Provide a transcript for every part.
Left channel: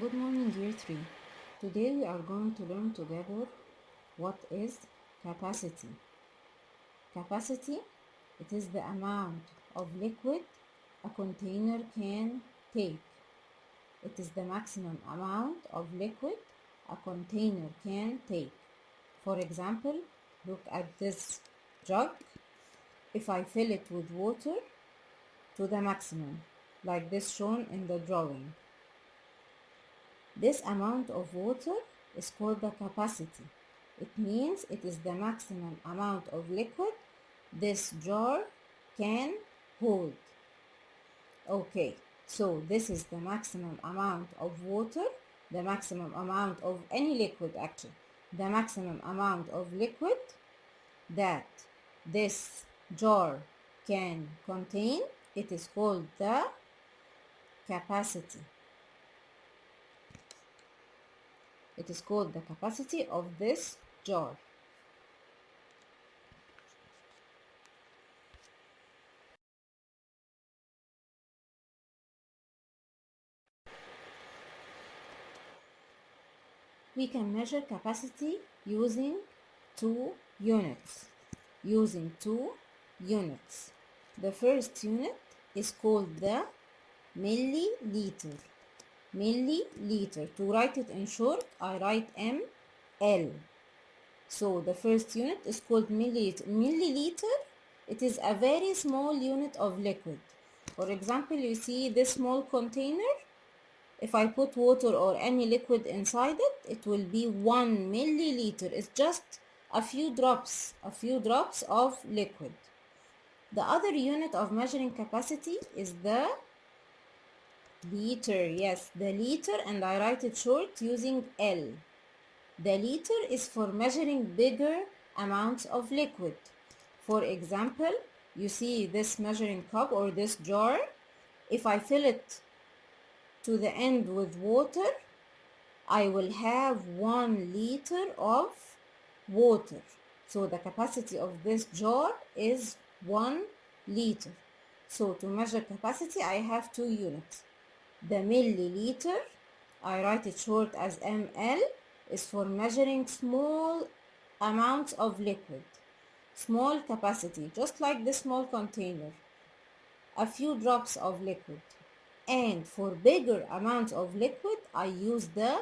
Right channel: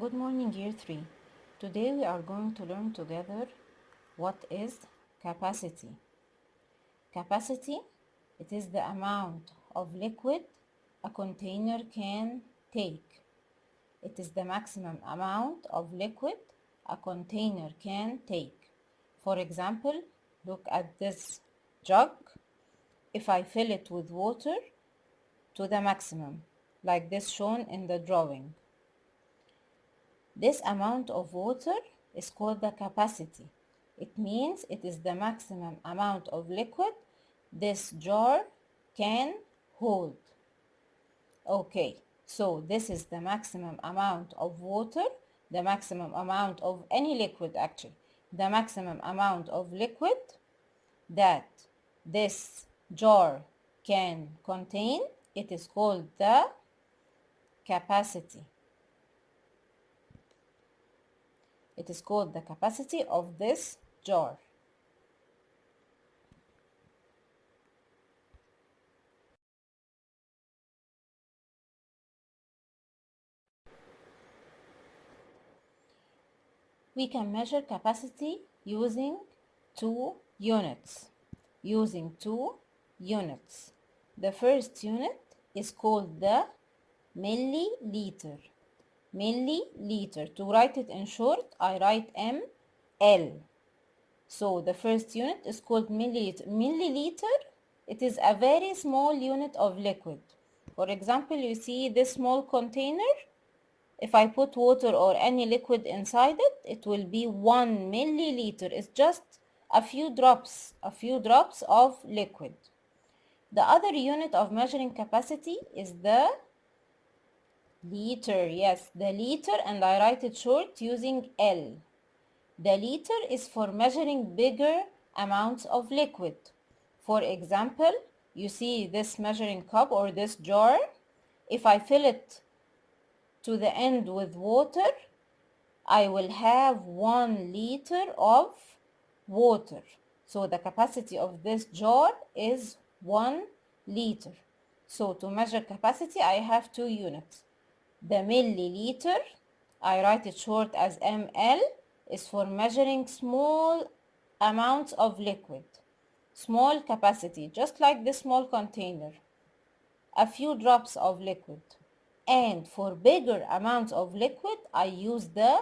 Good morning, year 3. Today we are going to learn together what is capacity. Capacity, it is the amount of liquid a container can take. It is the maximum amount of liquid a container can take. For example, look at this jug. If I fill it with water to the maximum, like this shown in the drawing, this amount of water is called the capacity. It means it is the maximum amount of liquid this jar can hold. Okay, so this is the maximum amount of water, the maximum amount of any liquid actually, the maximum amount of liquid that this jar can contain. It is called the capacity. It is called the capacity of this jar. We can measure capacity using two units. Using two units. The first unit is called the milliliter. Milliliter. To write it in short, I write ML. So the first unit is called milliliter. Milliliter, it is a very small unit of liquid. For example, you see this small container. If I put water or any liquid inside it, it will be 1 milliliter. It's just a few drops of liquid. The other unit of measuring capacity is the liter. Yes, the liter, and I write it short using L. The liter is for measuring bigger amounts of liquid. For example, you see this measuring cup or this jar. If I fill it to the end with water, I will have 1 liter of water. So the capacity of this jar is 1 liter. So to measure capacity, I have two units. The milliliter, I write it short as ml, is for measuring small amounts of liquid. Small capacity, just like this small container. A few drops of liquid. And for bigger amounts of liquid, I use the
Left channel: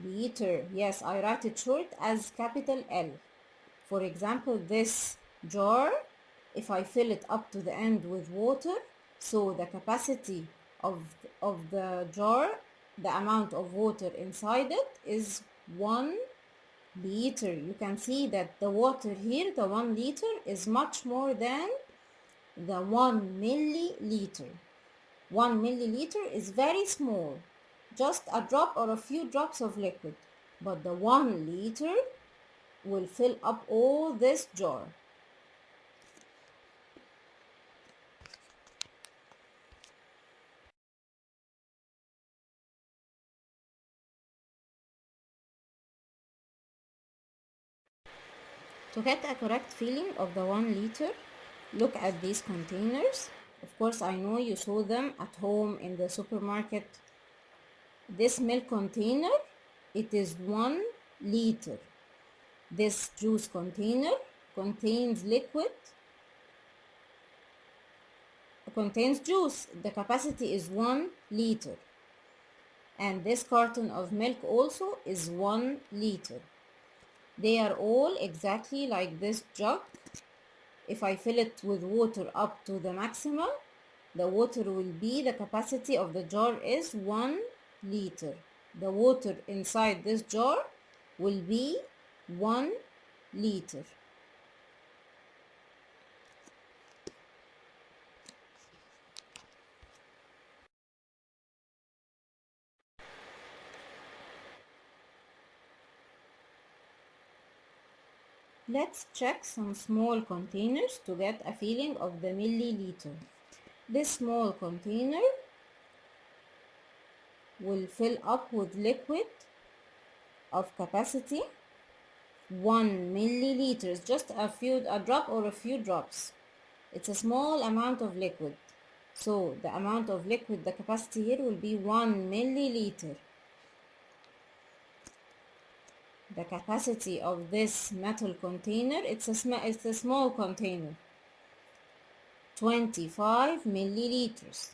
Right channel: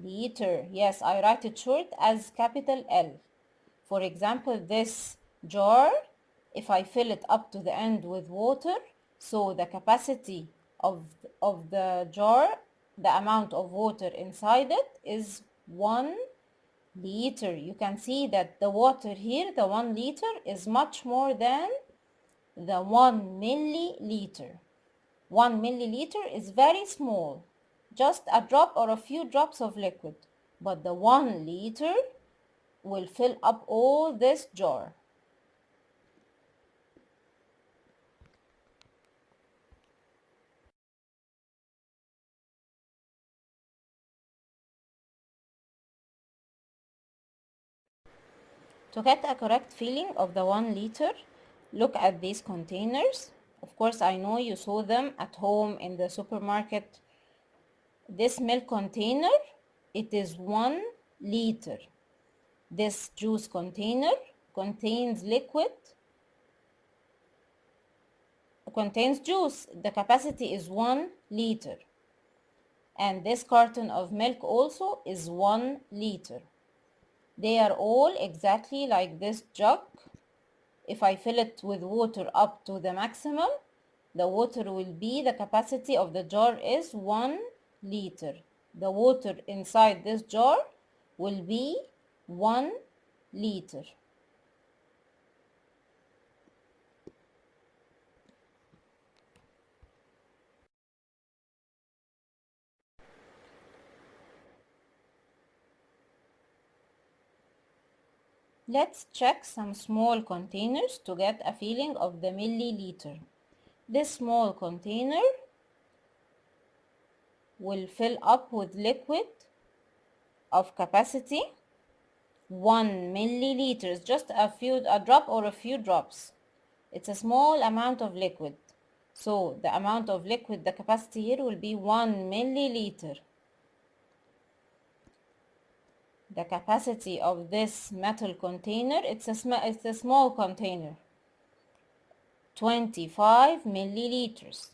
liter. Yes, I write it short as capital L. For example, this jar, if I fill it up to the end with water, so the capacity of the jar, the amount of water inside it is 1 liter. You can see that the water here, the 1 liter, is much more than the 1 milliliter. 1 milliliter is very small, just a drop or a few drops of liquid, but the 1 liter will fill up all this jar. To get a correct feeling of the 1 liter, look at these containers. Of course, I know you saw them at home in the supermarket. This milk container, it is 1 liter. This juice container contains liquid, contains juice. The capacity is 1 liter. And this carton of milk also is 1 liter. They are all exactly like this jug. If I fill it with water up to the maximum, the water will be, the capacity of the jar is 1 liter. The water inside this jar will be 1 liter. Let's check some small containers to get a feeling of the milliliter. This small container will fill up with liquid of capacity 1 milliliters, just a drop or a few drops. It's a small amount of liquid. So the amount of liquid, the capacity here will be 1 milliliter. The capacity of this metal container, it's a small container, 25 milliliters.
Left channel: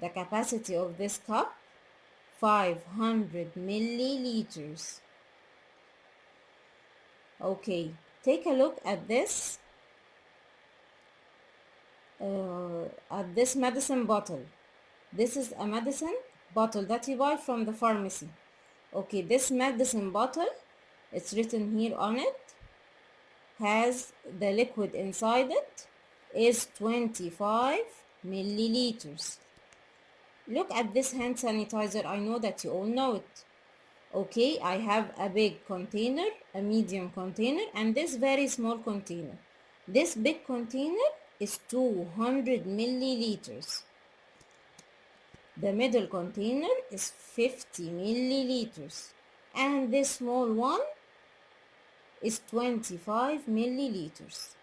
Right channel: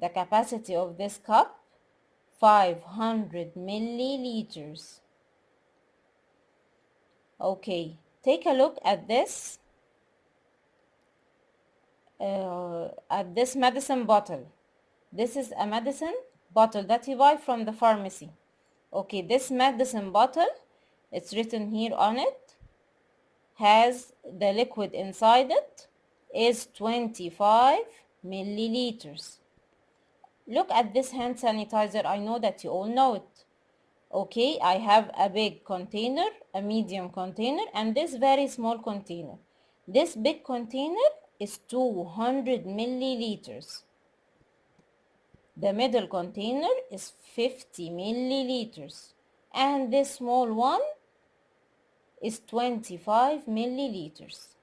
The capacity of this cup, 500 milliliters. Okay, take a look at this medicine bottle. This is a medicine bottle that you buy from the pharmacy. Okay, this medicine bottle, it's written here on it, has the liquid inside it is 25 milliliters. Look at this hand sanitizer. I know that you all know it. Okay, I have a big container, a medium container, and this very small container. This big container is 200 milliliters. The middle container is 50 milliliters. And this small one is 25 milliliters.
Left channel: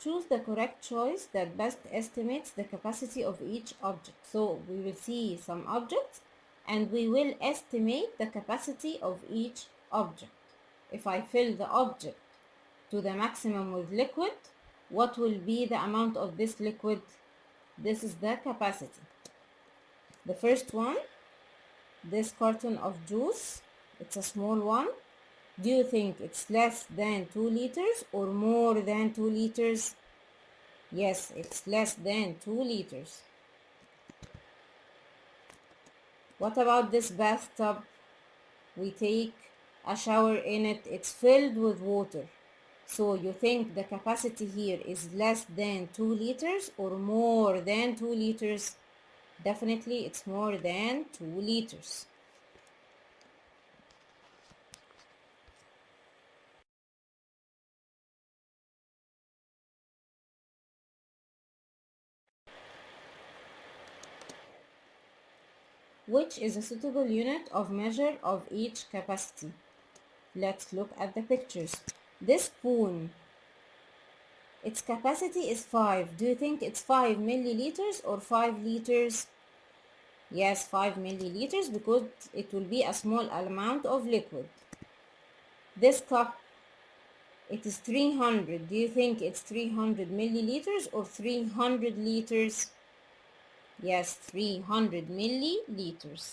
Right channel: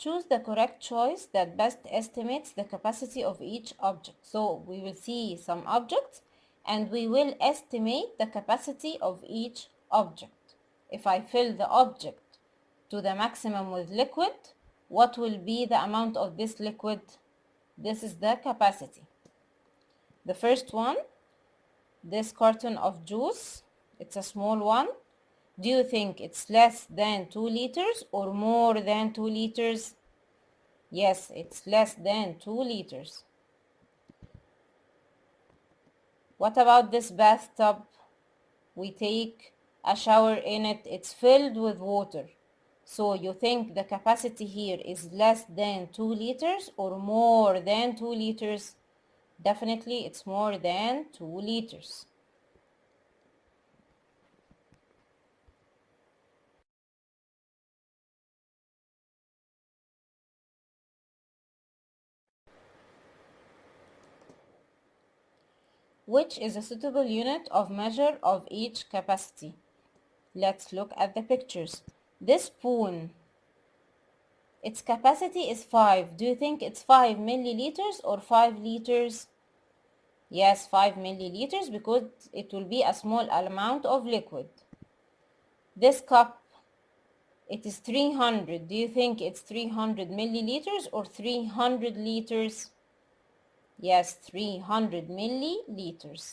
Choose the correct choice that best estimates the capacity of each object. So we will see some objects and we will estimate the capacity of each object. If I fill the object to the maximum with liquid, what will be the amount of this liquid? This is the capacity. The first one, this carton of juice, it's a small one. Do you think it's less than 2 liters or more than 2 liters? Yes, it's less than 2 liters. What about this bathtub? We take a shower in it. It's filled with water. So you think the capacity here is less than 2 liters or more than 2 liters? Definitely it's more than 2 liters. Which is a suitable unit of measure of each capacity? Let's look at the pictures. This spoon, its capacity is 5. Do you think it's 5 milliliters or 5 liters? Yes, 5 milliliters because it will be a small amount of liquid. This cup, it is 300. Do you think it's 300 milliliters or 300 liters? Yes, 300 milliliters.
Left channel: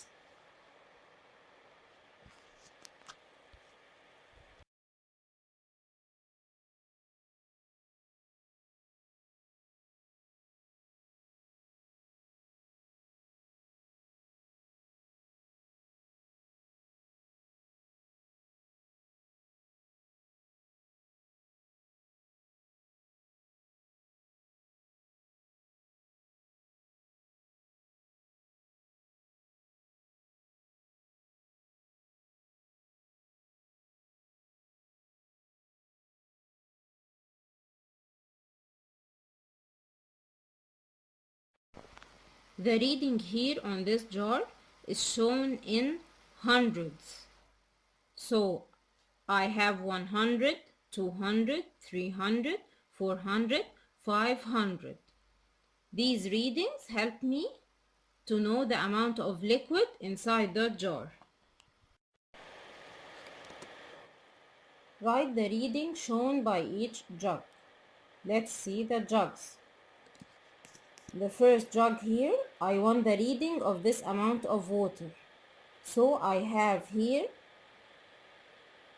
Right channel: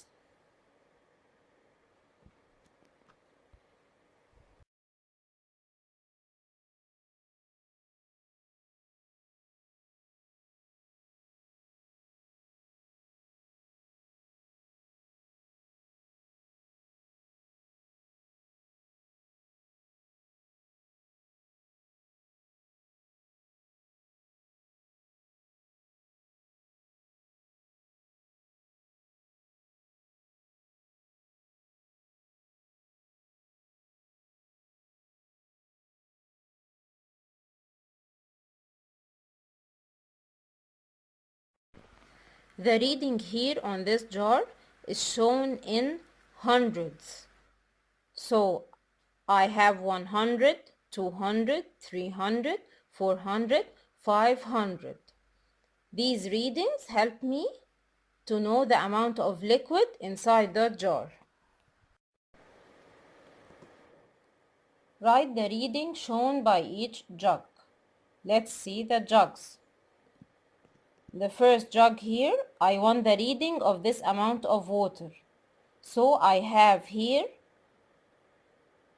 The reading here on this jar is shown in hundreds. So I have 100, 200, 300, 400, 500. These readings help me to know the amount of liquid inside the jar. Write the reading shown by each jug. Let's see the jugs. The first jug here, I want the reading of this amount of water. So I have here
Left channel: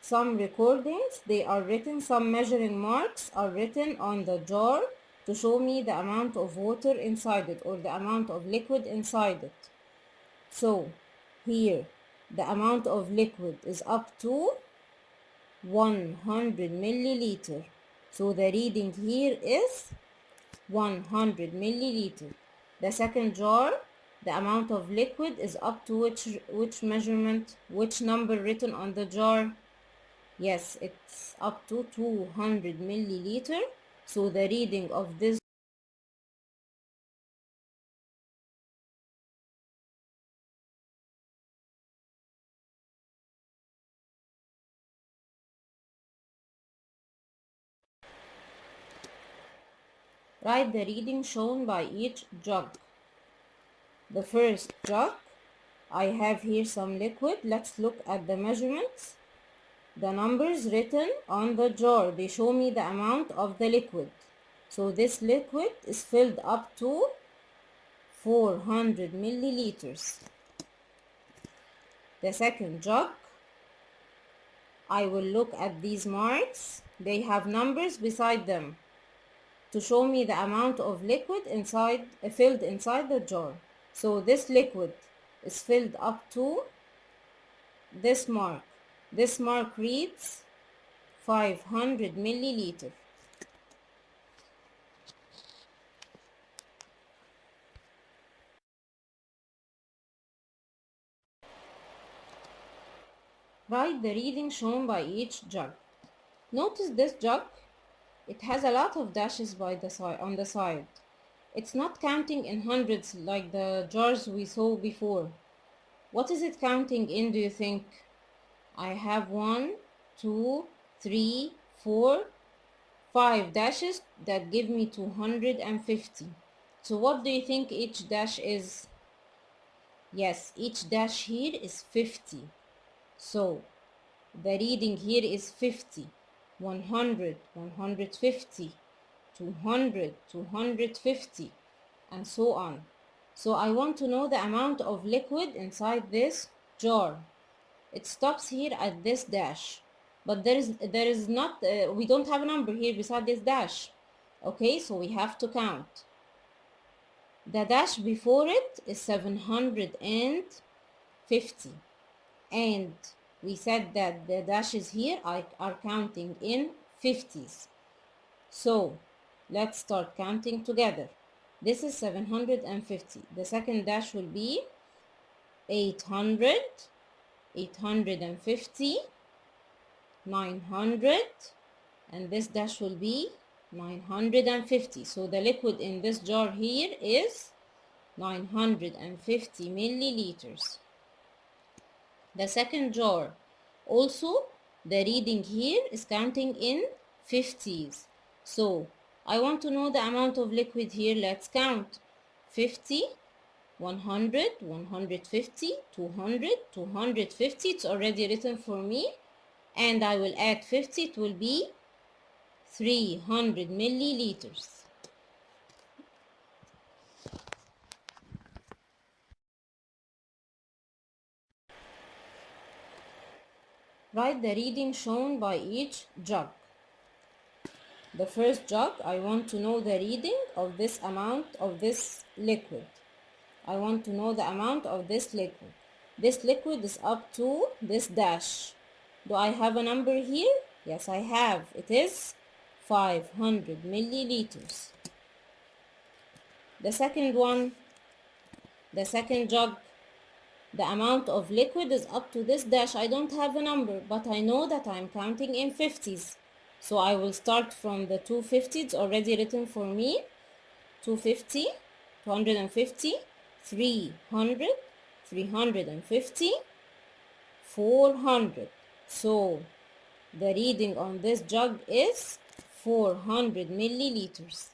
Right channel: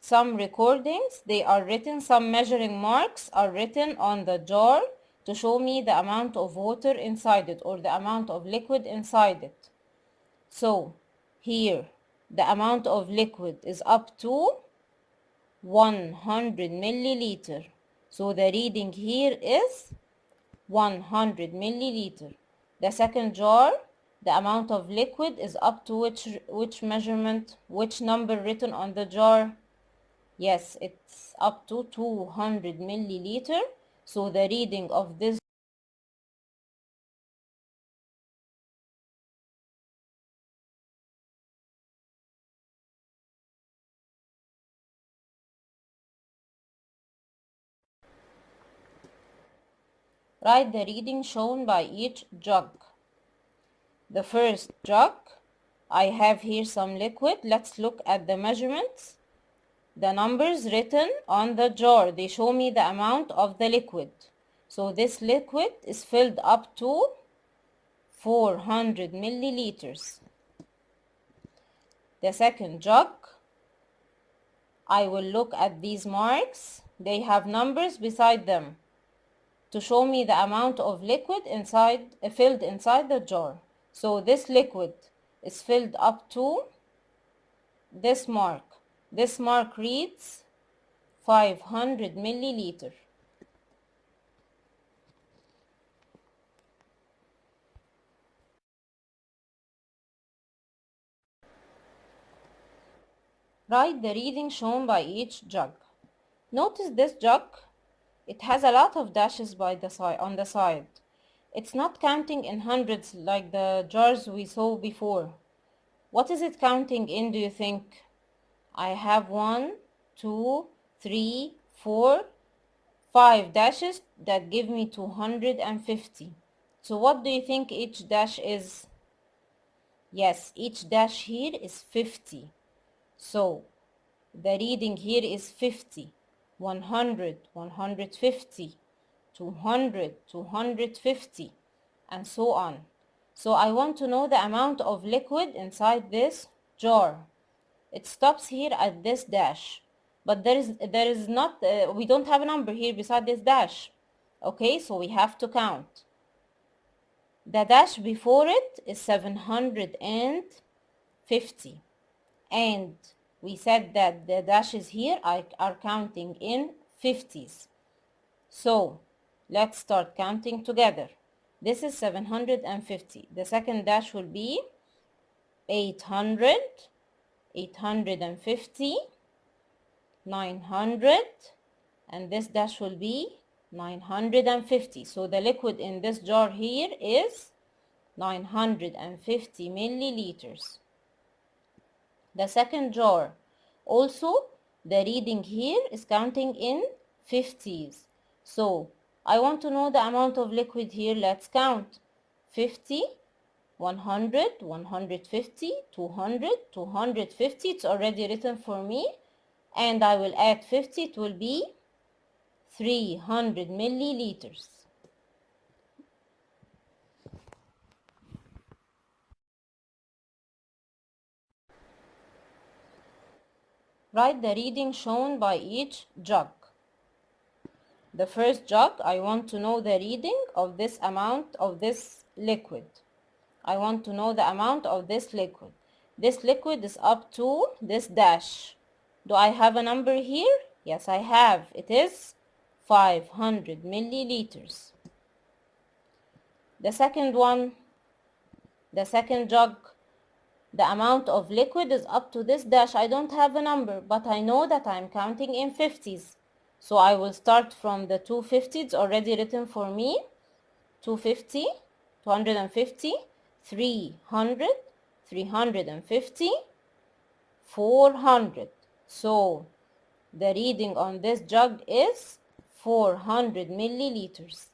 some recordings. They are written, some measuring marks are written on the jar to show me the amount of water inside it or the amount of liquid inside it. So here the amount of liquid is up to 100 milliliter. So the reading here is 100 milliliter. The second jar, the amount of liquid is up to which measurement, which number written on the jar? Yes, it's up to 200 milliliter. So the reading of this Write the reading shown by each jug. The first jug, I have here some liquid. Let's look at the measurements. The numbers written on the jar, they show me the amount of the liquid. So this liquid is filled up to 400 milliliters. The second jug, I will look at these marks. They have numbers beside them to show me the amount of liquid filled inside the jar. So this liquid is filled up to this mark. This mark reads 500 milliliter. Write the reading shown by each jug. Notice this jug. It has a lot of dashes on the side. It's not counting in hundreds like the jars we saw before. What is it counting in, do you think? I have 1, 2, 3, 4, 5 dashes that give me 250. So what do you think each dash is? Yes, each dash here is 50. So the reading here is 50, 100, 150, 200, 250, and so on. So I want to know the amount of liquid inside this jar. It stops here at this dash, but there is not we don't have a number here beside this dash. Okay, so we have to count. The dash before it is 750, and we said that the dashes here are counting in 50s. So let's start counting together. This is 750. The second dash will be 800, 850, 900, and this dash will be 950. So the liquid in this jar here is 950 milliliters. The second jar, also the reading here is counting in 50s. So I want to know the amount of liquid here. Let's count. 50, 100, 150, 200, 250. It's already written for me. And I will add 50. It will be 300 milliliters. Write the reading shown by each jug. The first jug, I want to know the reading of this amount of this liquid. I want to know the amount of this liquid. This liquid is up to this dash. Do I have a number here? Yes, I have. It is 500 milliliters. The second one, the second jug, the amount of liquid is up to this dash. I don't have a number, but I know that I'm counting in 50s. So I will start from the 250. It's already written for me. 250, 250, 300, 350, 400. So the reading on this jug is 400 milliliters.